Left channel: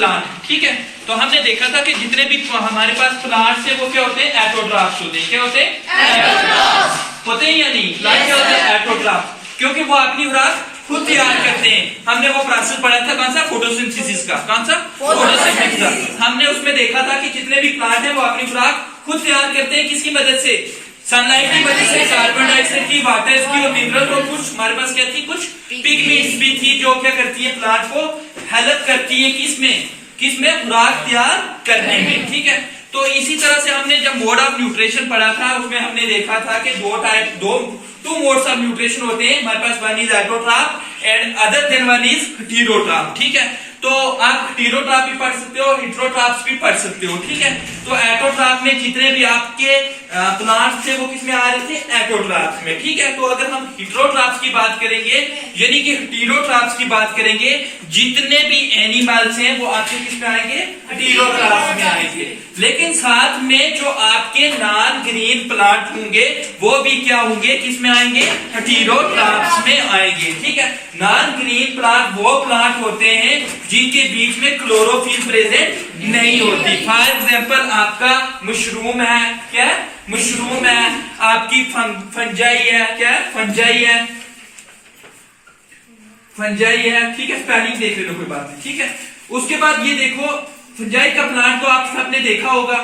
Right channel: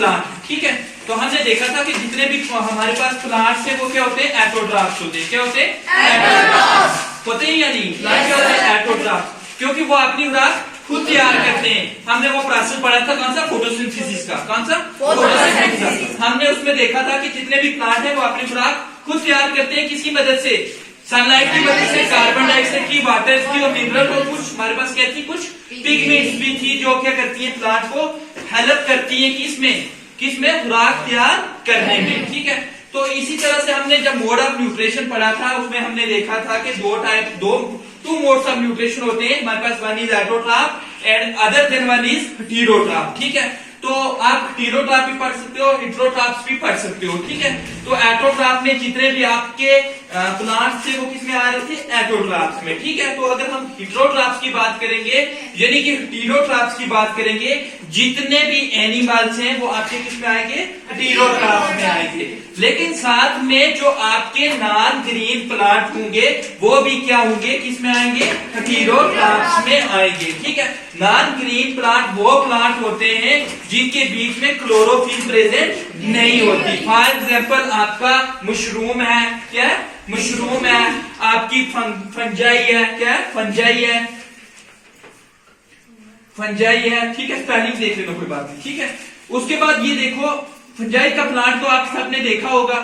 Plant, ठीक है। तो हमने देखा था कि जितने भी हमारे पास प्लांट्स है वो क्या होते हैं, एटोट्रॉफ्स होते हैं। क्या होते हैं, एटोट्रॉफ्स होते हैं या नहीं। प्लांट क्या होते हैं, एटोट्रॉफ्स, क्योंकि वो अपनी खुराक खुद तैयार करते हैं। हमने वो प्रोसेस पढ़ा था, कौन सा, फोटोसिंथेसिस का। कौन सा, फोटोसिंथेसिस का। हमने उसमें देखा था कि जितने भी प्लांट है वो अपनी खुराक खुद तैयार करते हैं। किसकी मदद से, सनलाइट की वजह से, कार्बन डाइऑक्साइड की, वाटर की और मिनरल और कुछ हमारे पास क्या थी, कुछ पिगमेंट्स भी थी जो क्या करती है, प्लांट को हेल्प करती है किसमें खुराक तैयार करने में, ठीक है। तो इसी तरह से हमने जब मोड ऑफ न्यूट्रिशन पढ़ा था उसमें हमने देखा था कि टू मोड्स ऑफ न्यूट्रिशन होते हैं हमारे पास। One is autotroph and other than one is heterotroph, ठीक है। तो आप हेटेरोट्रॉफ भी पढ़ सकते हो, हेटेरोट्रॉफ्स भी पढ़ सकते हो, ठीक है। तो एटोट्रॉफ में जितने भी आपके प्लांट्स थे वो किसमें आ रहे थे, एटोट्रॉफ्स में, ठीक है। तो अगर हम हेटेरोट्रॉफ्स की बात करेंगे यानी कि हेटेरोट्रॉफ्स की बात करेंगे, जितने भी एनिमल्स हैं वो आपके किसमें आएंगे, हेटेरोट्रॉफ्स में आएंगे। लेकिन साथ में जो आपके नॉन ग्रीन प्लांट होंगे वो भी क्या होंगे, किसमें आएंगे, हेटेरोट्रॉफ्स में आएंगे, ठीक है। नॉन ग्रीन प्लांट वो प्लांट होते हैं जिनके बीच में क्लोरोफिल प्रेजेंट नहीं होती। फॉर एग्जाम्पल आपका मशरूम है, क्या है, मशरूम है, आपकी फंजाई है, क्या है, फंजाई है, ठीक है। स्पेलिंग देख लेना, कोई बात नहीं, ठीक है। उसके बाद ये देखो फंजाई का प्लांट तो आप सबने देखा होगा,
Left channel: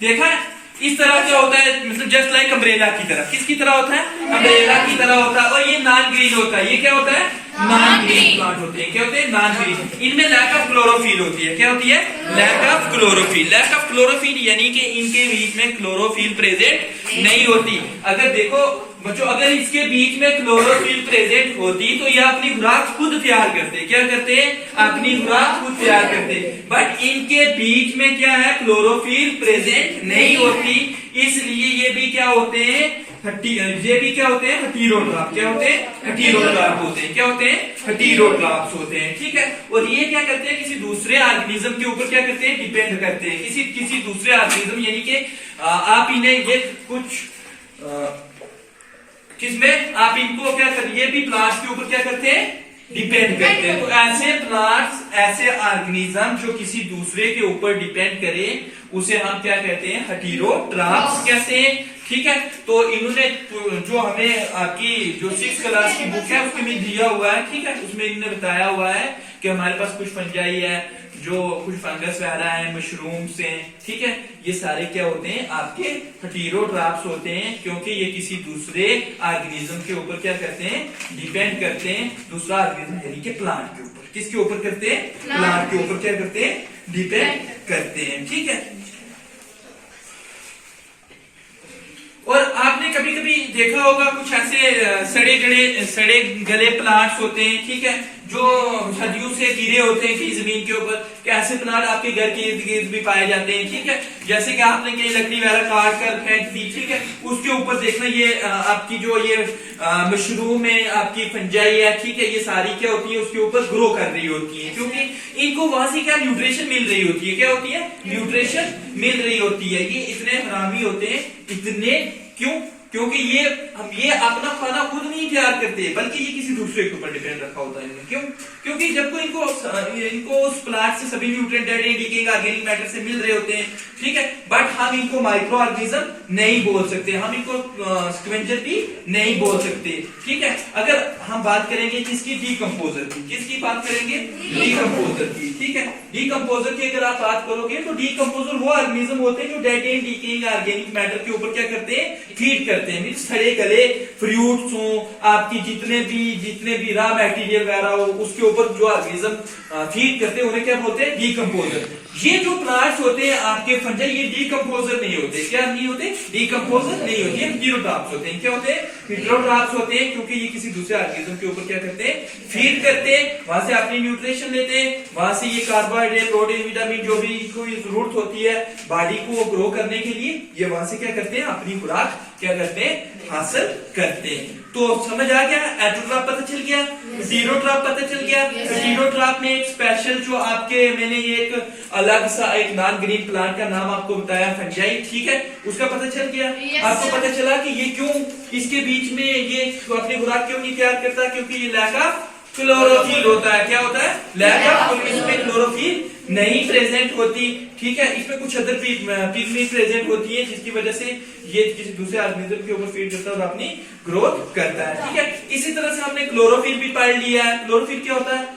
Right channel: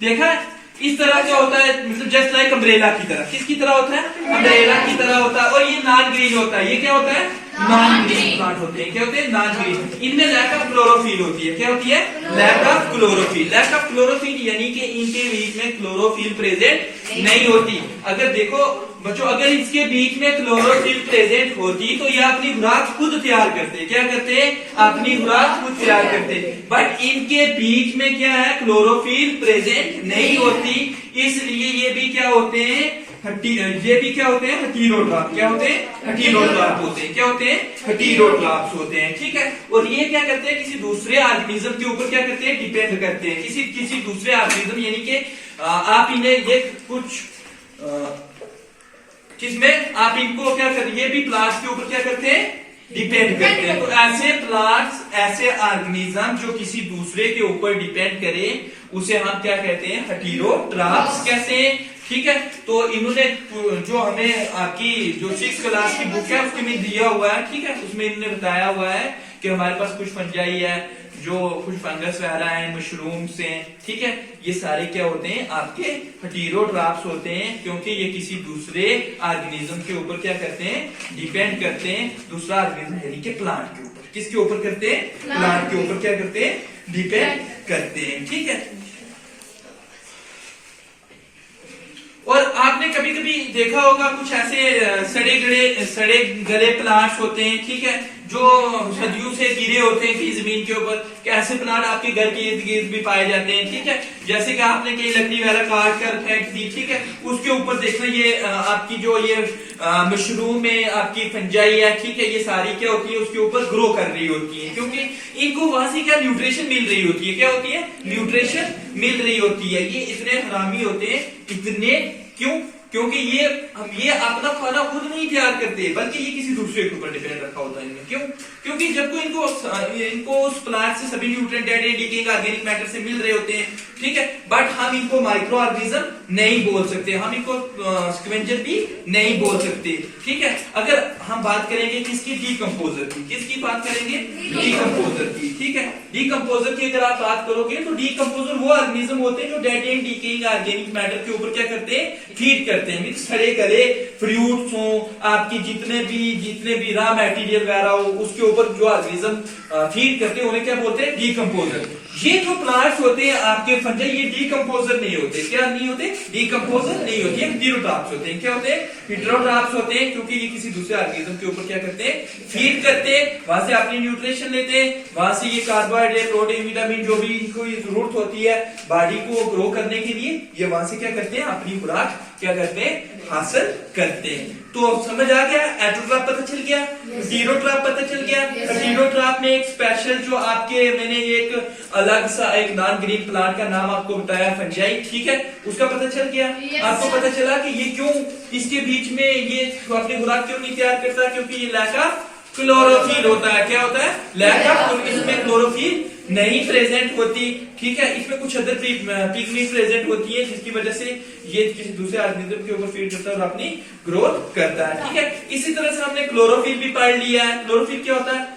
देखा है। इस तरह क्या होता है, मतलब जस्ट लाइक अम्ब्रेला की तरह। किसकी तरह होता है, अम्ब्रेला की तरह होता है। और ये नॉन ग्रीन होता है। ये क्या होता है, नॉन ग्रीन प्लांट होते हैं। क्या होते हैं, नॉन ग्रीन। इनमें लैक ऑफ क्लोरोफिल होती है। क्या होती है, lack of chlorophyll. Lack of chlorophyll यानी कि इनके बीच में क्लोरोफिल प्रेजेंट नहीं होती। अगर देखो बच्चों, अगर इसके बीच में क्लोरोफिल प्रेजेंट होती तो ये अपनी खुराक खुद तैयार करते। क्या करते हैं, अपनी खुराक खुद तैयार करते। बट इनके बीच में क्या है, क्लोरोफिल प्रेजेंट नहीं होती, इसलिए ये भी क्या होते हैं, ये भी क्या होते हैं, हेटेरोट्रॉफ। क्या होते हैं, हेटेरोट्रॉफ होते हैं। क्या होते हैं, हेटेरोट्रॉफ्स होते हैं, ठीक है। और ये क्या करते हैं, किसी दूसरे ऑर्गेनिज्म के ऊपर क्या करते हैं, डिपेंड करते हैं। किसी दूसरे ऑर्गेनिज्म यानी कि आप इन्हें ये कुछ किसमें आप इनको क्या करते, ये भी प्लांट्स के ऊपर क्या करते हैं, डिपेंड करते हैं। तो ऐसे प्लांट्स, ऐसे ऑर्गेनिज्म जो किसी दूसरे के ऊपर डिपेंड करे उसे हम क्या कहते हैं, हेटेरोट्रॉफ्स कहते हैं, ठीक है। तो इन्होंने जो हमें आपकी जो 6th क्लास की बुक है उसमें दिया हुआ है, ठीक है। उसमें इन्होंने बताया हुआ है कि हमारे पास कुछ फंजाई है, जो कुछ फंगस वगैरह है, मशरूम्स हैं, ठीक है। ये सारे क्या होते हैं, आपके हेटेरोट्रॉफ्स होते हैं, क्योंकि ये किसी दूसरे ऑर्गेनिज्म के ऊपर क्या करते हैं, डिपेंड करते हैं। दूसरा ऑर्गेनिज्म यानी कि प्लांट के ऊपर, किसके ऊपर करते हैं, प्लांट के ऊपर क्या करते हैं, डिपेंड करते हैं, ठीक है। और आपने कभी कभी देखा होगा कुछ ऐसे सड़े गले प्लांट्स होते हैं, ठीक है, जो सदियों से गिरे होते हैं कहीं जमीन के ऊपर। ऐसे प्लांट आपके घर के इर्द गिर्द भी पाए जाते हैं, ठीक है। जैसे कि आपने कहीं लकड़ी वगैरह काट कर फेंक दी, ठीक है, उसके ऊपर देखना ये आपकी जो ये मशरूम है, आपकी फंजाई है, ठीक है, ये सारी क्या होती है, उसके ऊपर ग्रो कर रही होती है, क्योंकि इनको वहां से क्या न्यूट्रिशन मिल रही होती है। क्या होती है, न्यूट्रिशन मिल रही होती है। ये इतने हरामी होते हैं, इतने क्यों, क्योंकि ये अपना खाना खुद नहीं तैयार करते, बल्कि ये किसी दूसरे के ऊपर डिपेंड रखा होता है। क्यों, क्योंकि जब कोई इनको उस प्लांट से सभी न्यूट्रिएंट डीकेइंग ऑर्गेनिक मैटर से मिल रहे होते हैं, ठीक है। बट हम इनको माइक्रो ऑर्गेनिज्म नहीं बोल सकते, हम इनको स्क्वेंजर भी नहीं बोल सकते, ठीक है। अगर हम बात करेंगे किसकी, डीकंपोजर की, किसकी बात करेंगे, डीकंपोजर की, ठीक है। डीकंपोजर की अगर आप बात करोगे तो डीकंपोजर वो ऑर्गेनिज्म होते हैं जो dead and decaying organic matter के ऊपर क्या करते हैं, फीड करते हैं। मींस सड़े गले फ्रूट्स हो, आपकी जितने भी रॉ मटेरियल वगैरह हो, उसके ऊपर जो ऑर्गेनिज्म फीड करते हैं उन्हें क्या बोलते हैं, डीकंपोजर। ये जो प्लांट्स होते हैं आपके फंजाई, ये डीकंपोजर नहीं होते। क्या नहीं होते, डीकंपोजर नहीं होते, हेटेरोट्रॉफ्स होते हैं। क्या होते हैं, हेटेरोट्रॉफ्स होते हैं, क्योंकि ये किसी दूसरे ऑर्गेनिज्म के ऊपर क्या करते हैं, फीड करते हैं, वहां से अपनी न्यूट्रिशन लेते हैं, वहां से ये कार्बोहाइड्रेट, प्रोटीन, विटामिन जो भी इनको जरूरत होती है बॉडी को ग्रो करने के लिए, ये वहां से क्या करते हैं, अपनी खुराक क्या करते हैं, हासिल करते हैं। तो समझ आ गया, एटोट्रॉफ पता चल गया, हेटेरोट्रॉफ पता चल गया। हेटेरोट्रॉफ में एक स्पेशल जो आपके, मैंने एक अलग सा एक नॉन ग्रीन प्लांट का नाम आपको बताया, फंजाई, ठीक है, उसका पता चल गया। आपको पता चला कि ये क्यों, इसके बीच में ये अपनी खुराक क्यों नहीं तैयार करता, क्योंकि ये लैक ऑफ क्लोरोफिल होता है। क्या होता है, लैक ऑफ, इसमें क्लोरोफिल नहीं प्रेजेंट होती, ठीक है। इसमें कुछ अदर पिगमेंट प्रेजेंट होती है जिसकी वजह से ये किसी दूसरे ऑर्गेनिज्म के ऊपर फीड करता है और अपनी ग्रोथ करता है, ठीक है। इसी तरह से हमने क्लोरोफिल भी पढ़ लिया है। क्लोरोफिल क्या होता है?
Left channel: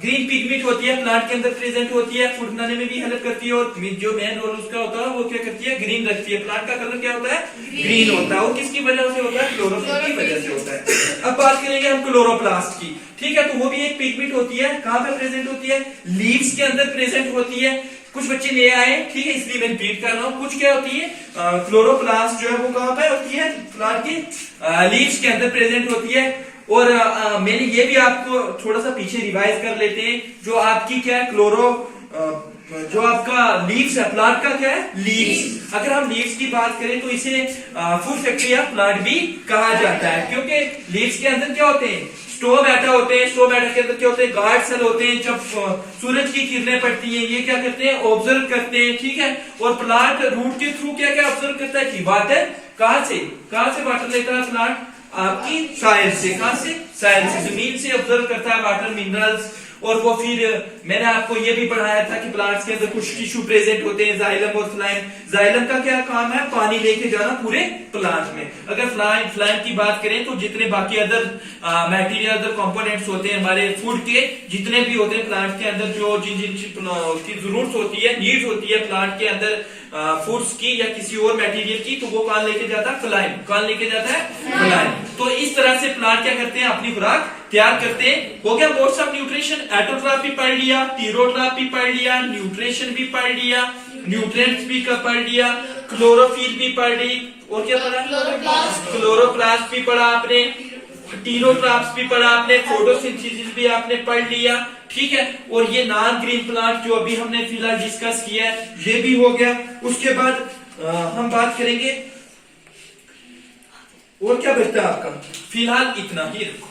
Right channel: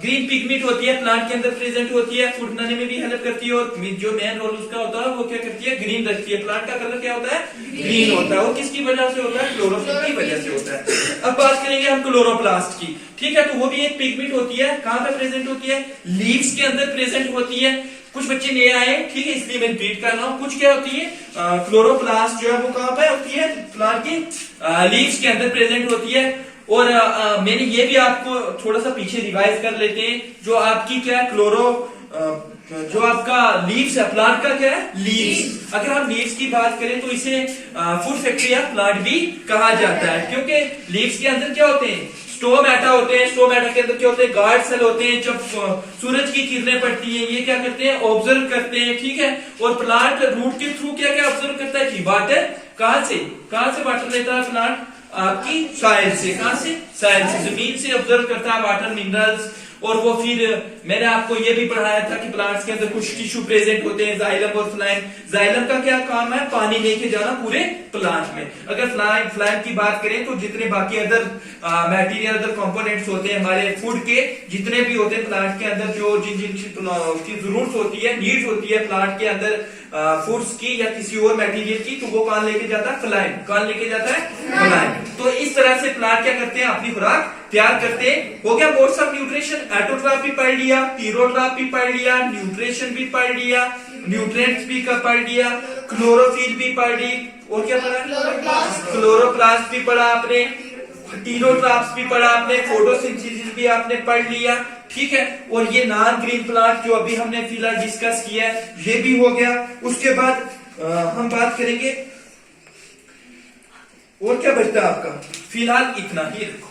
ग्रीन पिगमेंट होती है, प्लांट के अंदर प्रेजेंट होती है, फूड बनाने में भी हेल्प करती है और जो मेन रोल उसका होता है वो क्या करती है? ग्रीन रखती है। प्लांट का कलर क्या होता है? ग्रीन होता है। वो किसकी वजह से होता है? क्लोरोफिल की वजह से होता है। अब बात करेंगे हम क्लोरोप्लास्ट की, ठीक है। तो वो भी एक पिगमेंट होती है। कहाँ पे प्रेजेंट होती है? लीव्स के अंदर प्रेजेंट होती है। कुछ बच्चे नए आए, ठीक है, इसलिए मैं रिपीट कर रहा हूँ। कुछ क्या होती है? क्लोरोप्लास्ट जो है वो कहाँ पे होती है? प्लांट की लीव्स के अंदर प्रेजेंट होती है। और मैंने ये भी आपको थोड़ा सा पीछे रिवाइज कर लेते हैं। जो आपकी क्या है? जो आपका लीव्स है, प्लांट का क्या है? लीव्स। अगर हम लीव्स की बात करें तो इसे फूड फैक्ट्री या प्लांट भी कहा जाता है, क्योंकि लीव्स के अंदर क्या होते हैं? स्टोमैटा होते हैं। स्टोमैटा के अंदर क्या होते हैं? गार्ड सेल होते हैं। जब सूरज की किरणें पड़ती हैं, ये क्या करते हैं? ऑब्जर्व करते हैं, ठीक है। और प्लांट रूट के थ्रू क्या क्या ऑब्जर्व करता है कि वाटर कहां से वाटर लेता है प्लांट? आपकी सॉइल से। कहां से? सॉइल से, जमीन से ऑब्जर्व करता है वाटर, मिनरल्स। और वो फिर मैंने आपको ये भी पढ़ाया था कि प्लांट्स के अंदर कुछ टिश्यू प्रेजेंट होते हैं, जाइलम और फ्लाइम। जाइलम का क्या काम है? पानी लेके जाना पूरे प्लांट में। अगर फ्लाइम की बात करें तो जितने बाकी अदर मटेरियल, अदर कंपोनेंट्स होते हैं हमारे फूड के, जितने भी होते हैं प्लांट के अंदर, जो जिन की जरूरत होती है, नीड्स होती है प्लांट के अंदर फूड्स की या किसी और मटेरियल की, तो वो कौन लेके जाता है? फ्लाइम। कौन लेके जाता है? फ्लाइम। तो इस तरह से प्लांट क्या करते हैं? अपनी खुराक तैयार करते हैं। हो गया मोड्स ऑफ न्यूट्रिशन। एटोट्रॉफ भी पढ़ लिया, हीटेरोट्रॉफ भी पढ़ लिया, न्यूट्रिशन भी पढ़ लिया, न्यूट्रिएंट्स भी पढ़ लिया, क्लोरोफिल भी पढ़ ली, और क्या पढ़ा? क्लोरोप्लास्ट भी पढ़ा आपने, हीटेरोट्रॉफ्स भी पढ़ा आपने, फोटोसिंथेसिस भी आपने पढ़ लिया, ठीक है। और ये नॉन ग्रीन प्लांट जो अभी हमने फिलहाल डिस्कस किया है, ये भी हो गया। उसके बाद हम बात करेंगे और क्या बचता है आपका? फिलहाल इतना ही, देखो